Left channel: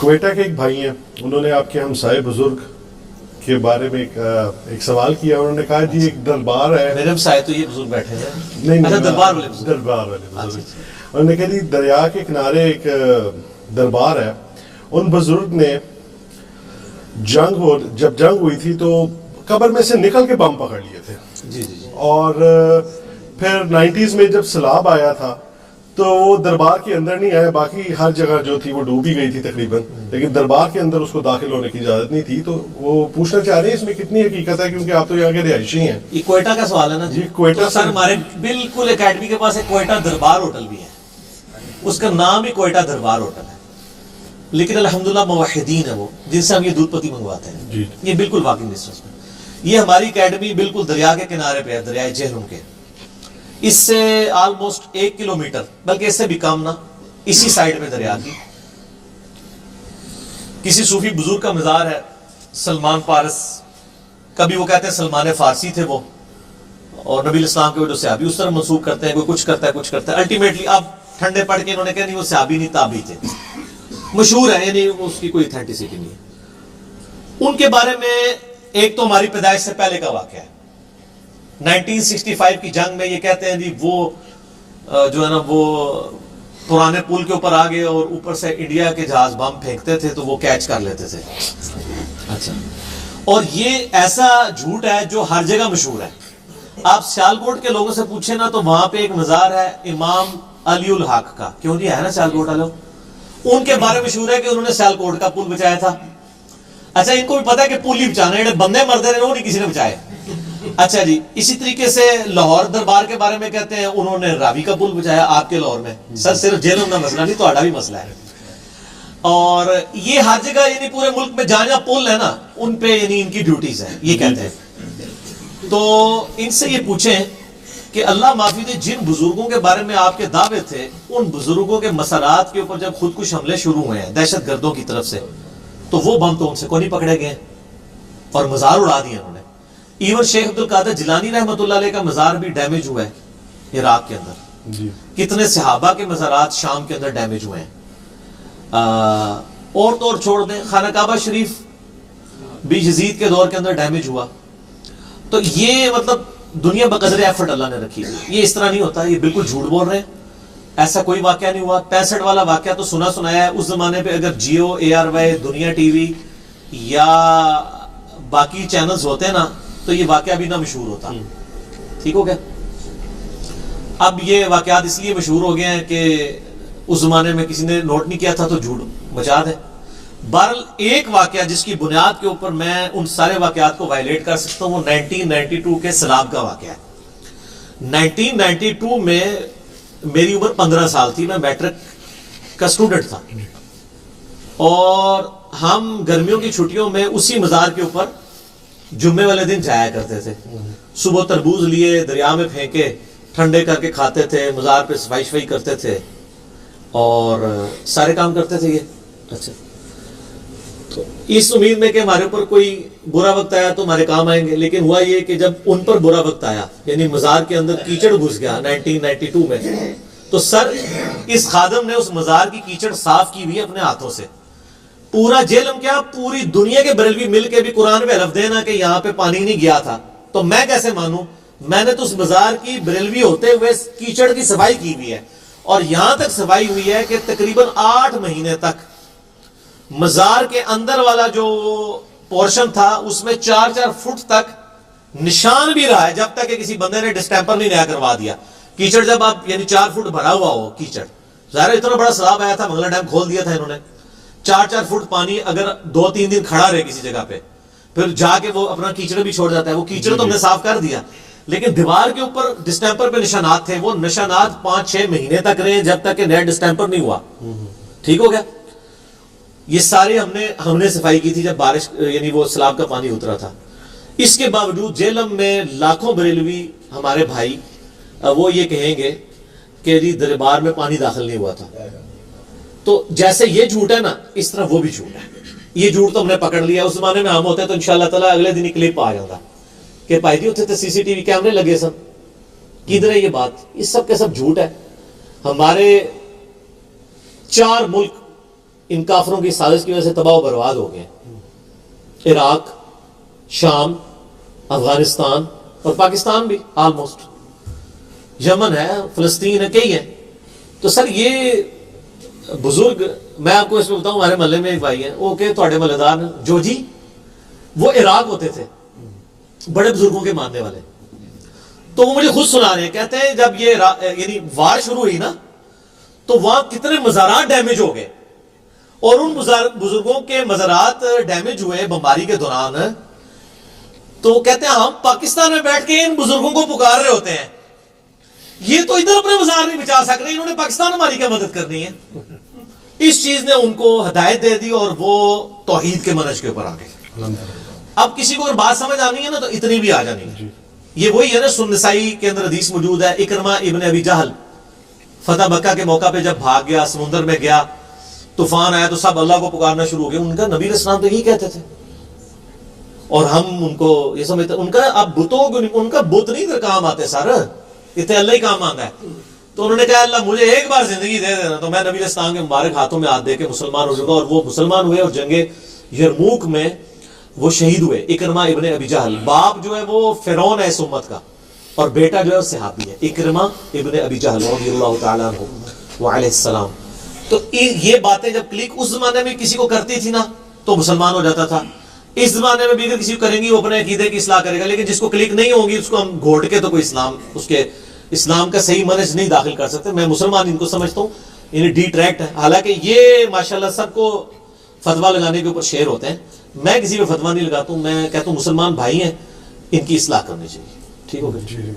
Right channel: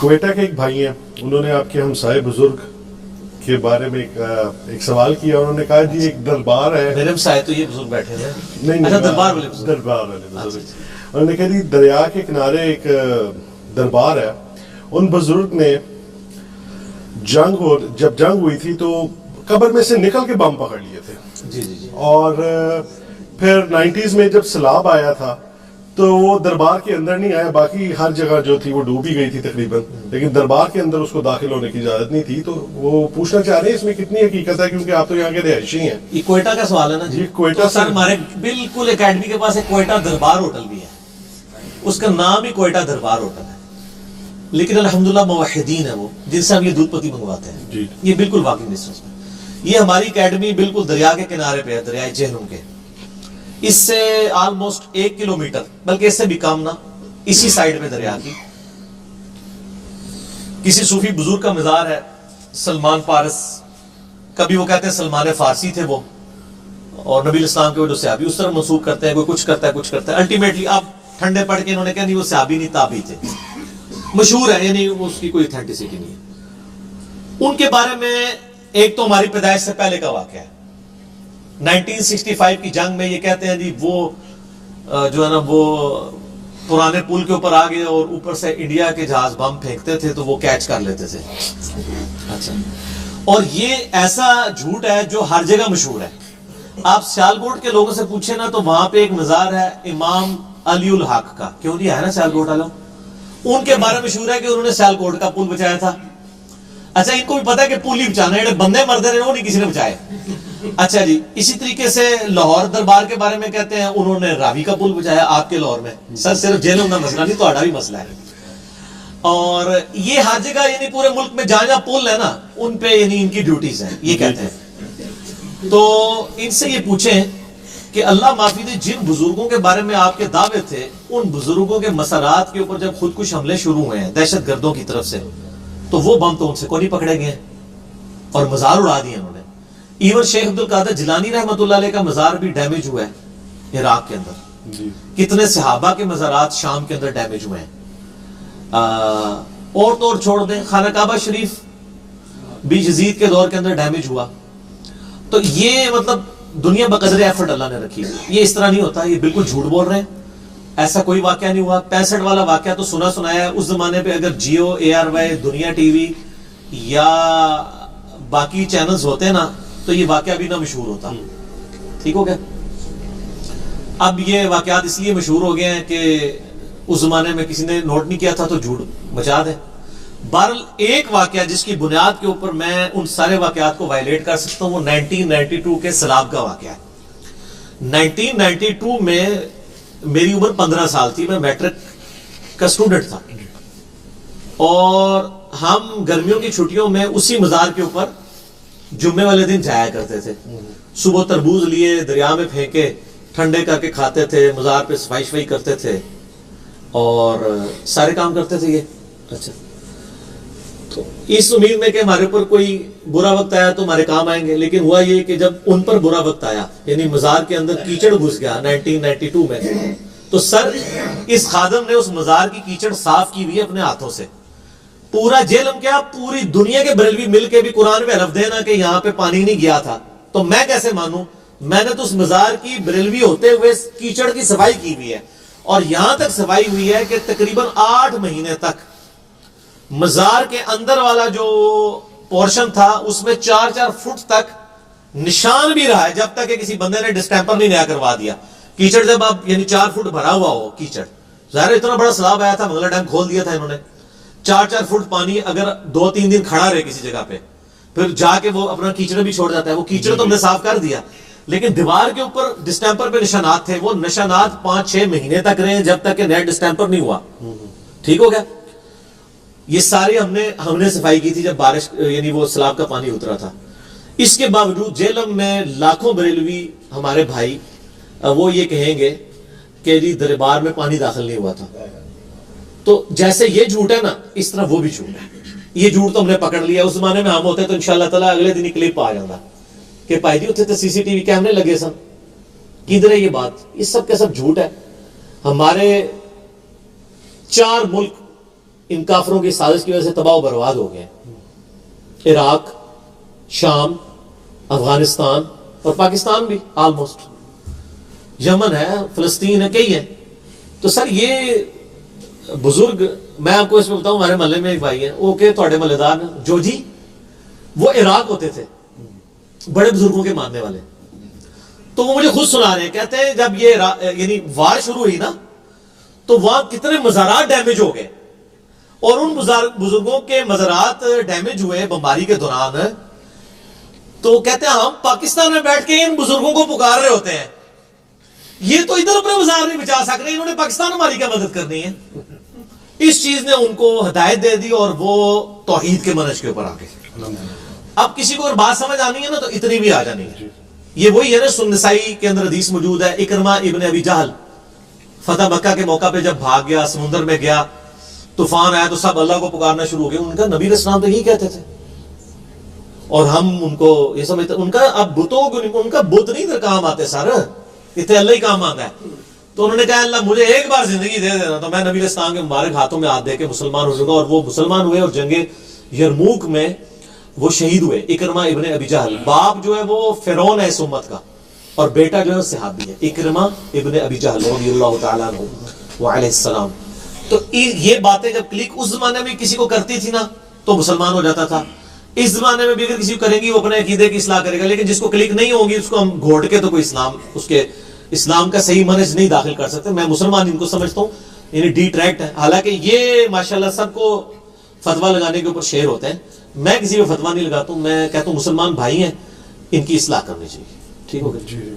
کوئٹہ کے ایک بھائی ہیں, انہوں نے آپ کے ہمسائے بزرگ کے بارے میں ایک سوال کیا. انہوں نے کہا جی ایک دربار ہے. میرے ہمسائے تو یہ بزرگ بیٹھے ہیں. نہیں, اچھا دربار والے بزرگ. دربار والے بزرگ. انہوں نے کہا جی دریا کے کنارے ایک دربار ہے. ان بزرگ نے جب جنگ ہوئی تھی تو قبر میں سے نکل کے بم پکڑ لیے تھے. جی جی جی. اور پھر 90s میں جب سیلاب آیا تھا تو وہ دربار کے اندر نہیں آیا, باقی ہر جگہ جو تھی وہ ڈوبی گئی تھی تقریباً, لیکن دربار کے اندر اس کو داخل ہونے کی اجازت نہیں تھی. تو وہ پوچھنا چاہ رہے ہیں اس میں کتنی حقیقت ہے, کیونکہ آپ تو یہاں کے رہائشی ہیں. یہ کوئٹہ کا سوال ہے نا جی کوئٹہ سر. ہمارے بالکل اکیڈمی کے پاس ایک کوئٹہ دربار ہوٹل بھی ہے, اس کا نام ہی کوئٹہ دربار ہوٹل ہے, لیکن الحمدللہ موحدین ہے وہ جن سے ہم یہ دودھ پتی منگواتے ہیں. جی یہ بالکل واکنگ ڈسٹینس میں. یہ ہماری اکیڈمی بالکل دریا کے کنارے پہ ہے, دریائے جہلم کے. اس سے آلموسٹ 1 کلومیٹر, بلکہ اس سے بھی کم نا, اسی سائڈ پہ دریا کی کسی صوفی بزرگ کا مزار ہے, سلمان فارس. کبھی وہ کہتے ہیں سلمان فارسی تھے وہ, اور نبی الاسلام کے وجہ سے صحابی اس طرح منسوخ کرتے ہیں, کوئی کچھ کرتا ہے کچھ کرتا ہے. الٹیمیٹلی اب ٹھنڈے پڑ کے انہوں نے کہا نہیں وہ صحابی نہیں تابعی تھے, مشہور ہے, یعنی اس کی کوئی اتھینٹسٹی نہیں ہے. ان کے بارے میں ایک تو ہماری پیدائش سے پہلے کا واقعہ ہے. 1965 کی جنگ میں یہ کہتے ہیں جی وہ جو ہے نا وہ پرانے پل کے اوپر آگے اور اوپر سے انڈیا کے جہاز بم پھینکتے تھے تو وہ کیچ کر لیتے تھے. اچھا, اور یہ ایسا جھوٹ ہے جو ہر جگہ مشہور ہے. آپ سیالکوٹ کے لوگوں سے پوچھیں نا تو وہاں پہ ایک مزار ہے امام علی الحق کا, کیوں نہیں ہے نا سیالکوٹ والوں, ان کے بارے میں مشہور ہے کہ انہوں نے سیالکوٹ کا پل بچایا تھا. اچھا, ان کو بھی پتا ہے کہ پل ہی بچانا ہے, بندے مرد رہے وہ نہیں کسی نے بچائے. اچھا جی, اسی طریقے سے لاہور دربار کے بارے میں کہتے ہیں انہوں نے راوی کا پل بچایا آپ کے لاہور میں. سر صرف جہلم کا مسئلہ نہیں, تو بھی مسئلہ ہے. اور یہ ہر جگہ یعنی پورے ملک میں جہاں جہاں پل ہے نا ان پہ یعنی ان کی ڈیوٹیز ہیں, یہ کہتے ہیں. تو ان سے یہ پوچھیں کہ اللہ معافی دے, جن بزرگوں کے بارے میں آپ کے دعوے تھے, ان بزرگوں کے مسارات کے اوپر جب خودکش حملے شروع ہوئے ہیں دہشت گردوں کی طرف سے, تو وہ بم تو ان سے کو نہیں پکڑے گئے اور مزار اڑا دیے انہوں نے. ایون شیخ عبد القادر جیلانی رحمۃ اللہ علیہ کا مزار بھی ڈیمیج ہوا ہے عراق کے اندر. جی, کتنے صحابہ کے مزارات شام کے اندر ڈیمیج ہوئے ہیں. اور تو اور چھوڑ دیں, خانہ کعبہ شریف بھی یزید کے دور کے اندر ڈیمیج ہوا. تو یہ مطلب دنیا بقدر ایفرٹ اللہ نے رکھی. یہ اس طرح نہیں ہوتا, یہ بالکل جھوٹ بول رہے ہیں. ایسا کوئی واقعہ نہیں ہوا. 65 والا واقعہ تو سنا سنایا ہے. اس زمانے پہ اگر جیو, ARY, دنیا ٹی وی یا باقی چینلز ہوتے نا تو یہ واقعہ بھی نہ مشہور ہوتا. ٹھیک ہو گیا. اب یہ واقعات اس لیے مشہور ہو گئے ہیں کہ اس زمانے میں کسی نے نوٹ نہیں کیا تھا تو جھوٹ مچا دے. بہرحال ایک واقعہ جس کی بنیاد کے اوپر میں ان سارے واقعات کو وائلیٹ کر سکتا ہوں وہ 1992 کے سیلاب کا واقعہ ہے. 1992 میں میری عمر 15 سال تھی, میں میٹرک کا اسٹوڈنٹ تھا, اور ہم گرمیوں کی چھٹیوں میں اسی مزار کے اوپر جمعے والے دن جایا کرتے تھے. صبح تربوز لیے دریا میں پھینکے, ٹھنڈے کر کے کھاتے تھے, مزار پہ صفائی شفائی کرتے تھے اور سارے کام کرتے تھے یہ. اچھا, تو اس امید میں کہ ہمارے اوپر کوئی برا وقت آیا تو ہمارے کام آئیں گے. لیکن ہوا یہ کہ جب ان پر برا وقت آیا, یعنی مزار کے اندر کیچڑ گھس گیا 1992 میں, تو سر اس خادم نے اس مزار کی کیچڑ صاف کی ہوئی اپنے ہاتھوں سے. پورا جہلم کیا پوری دنیا کے بریلوی مل کے بھی قرآن پہ حلف دینا کہ یہاں پہ پانی نہیں گیا تھا, تو میں کیسے مانوں؟ میں نے تو اس مزار کی بریلوی ہوتے ہوئے کیچڑ کی صفائی کی ہوئی ہے, اور یہاں تک صفائی ہوئی ہے کہ تقریباً 8 مہینے تک مزار کے اندر والا جو پورشن تھا اس میں 4-4 فٹ تک نشان بھی رہا ہے, جب تک کہ کسی بندے نے ڈسٹیمپر نہیں نیا کروا دیا. کیچڑ جب آپ یعنی 4 فٹ بھرا ہوا ہو کیچڑ, ظاہر اتنا بڑا سیلاب آیا تھا, منگلا ڈیم کھول دیا تھا انہوں نے. 4-4 فٹ پانی اگر 2-3 دن کھڑا رہے کسی جگہ پہ, پھر جا کے وہ اپنا کیچڑ بھی چھوڑ جاتا ہے. وہ کیچڑ تو ہم نے صاف کر دیا, لیکن دیوار کے اوپر ڈسٹیمپر پہ نشانات تھے. وہ نشانات 5-6 مہینے تک رہے جب تک کہ نیا ڈسٹیمپر نہیں ہوا. ٹھیک ہو گیا. یہ سارے ہم نے صفائی کی تھی جب بارش یعنی وہ سیلاب کا پانی اترا تھا. اس کے باوجود جہلم میں لاکھوں بریلوی ہمارے بھائی وہ یہ کہیں گے کہ جی دربار میں پانی داخل نہیں ہوا تھا. تو جیسے یہ جھوٹ ہے نا, اس طرح وہ بھی جھوٹ ہے. یہ جھوٹ تو ہم نے پکڑ لیا. اس زمانے میں ہم ہوتے تو انشاءاللہ تعالیٰ اگلے دن کلپ آ جاتا کہ بھائی جی اتنے تو CCTV کیمرے لگے سن. کدھر ہے یہ بات؟ یہ سب کا سب جھوٹ ہے. ہمارے 4 ملک ان کافروں کی سازش کی وجہ سے تباہ و برباد ہو گئے. عراق، شام، افغانستان اور پاکستان بھی آلموسٹ، یمن ہے، فلسطین ہے، کئی ہیں. تو سر یہ بزرگ، میں آپ کو اس میں بتاؤں، ہمارے محلے میں ایک بھائی ہیں، وہ کہ تھوڑے محلے دار جو جی وہ عراق ہوتے تھے، بڑے بزرگوں کے ماننے والے. تو وہ مجھے خود سنا رہے ہیں، کہتے ہیں جب یہ یعنی وار شروع ہوئی نا تو وہاں کتنے مزارات ڈیمیج ہو گئے، اور ان بزرگوں کے مزارات ڈیمیج ہوئے بمباری کے دوران. تو کہتے ہیں ہم پاکستان میں بیٹھ کے ان بزرگوں کو پکار رہے ہوتے ہیں، یہ تو ادھر اپنے مزار نہیں بچا سک رہے، انہوں نے پاکستان ہماری کیا مدد کرنی ہے. اس چیز نے ان کو ہدایت دے دی اور وہ توحید کے منہج کے اوپر آ گئے. اب کسی کو اگر بات سمجھ آنی ہے نا تو اتنی بھی آ جانی ہے. یہ وہی ہے نا، سنن نسائی کے اندر حدیث موجود ہے، اکرمہ ابن ابی جہل فتح مکہ کے موقع پہ جب بھاگ گیا، سمندر میں گیا، طوفان آیا تو سب اللہ کو پکارنا شروع ہو گئے. ان کا نبی علیہ السلام تو یہی کہتے تھے، اور ہم ان کو یہ سمجھتے ان کا اب بتوں کو، ان کا بت نہیں ادھر کام آتے سر، اتنے اللہ ہی کام آتا ہے. تو انہوں نے کہا اللہ مجھے ایک بار زندگی دے دینا تو میں نبی علیہ السلام کے مبارک ہاتھوں میں ہاتھ دے کے مسلمان ہو جاؤں گا. اور وہ مسلمان ہوئے اور جنگ یرموک میں وہ شہید ہوئے. اکرمہ ابن ابی جہل، باپ جو ہے وہ فرعون ہے اس امت کا، اور بیٹا جو ہے وہ صحابی ہے، اکرمہ ابن ابی جہل رضی اللہ تعالیٰ عنہ وعلیہ السلام. تو یہ باتیں جب کلک اس زمانے میں کسی کو کرتی تھی نا تو مسلمان ہو جاتا تھا. اس زمانے میں بھی اگر کسی کو کریں گی وہ اپنے عقیدے کی اصلاح کرے گا، لیکن جس کو کلک نہیں ہوگی اس کو ہم گھوٹ کے تو کوئی اسلام، اس کے اسلام کا صحیح منہج نہیں داخل کر سکتے. میں مسلمان ان کو سمجھتا ہوں انہیں ڈیٹریکٹ ہے، حالانکہ یہ ماشاءاللہ سب کو فتویٰ لگانے کے اوپر شیر ہوتے ہیں. میں کسی پہ فتویٰ نہیں لگاتا ہوں، میں کہتا ہوں مسلمان بھائی ہیں، ان کی اصلاح کرنی چاہیے. ٹھیک ہو گیا؟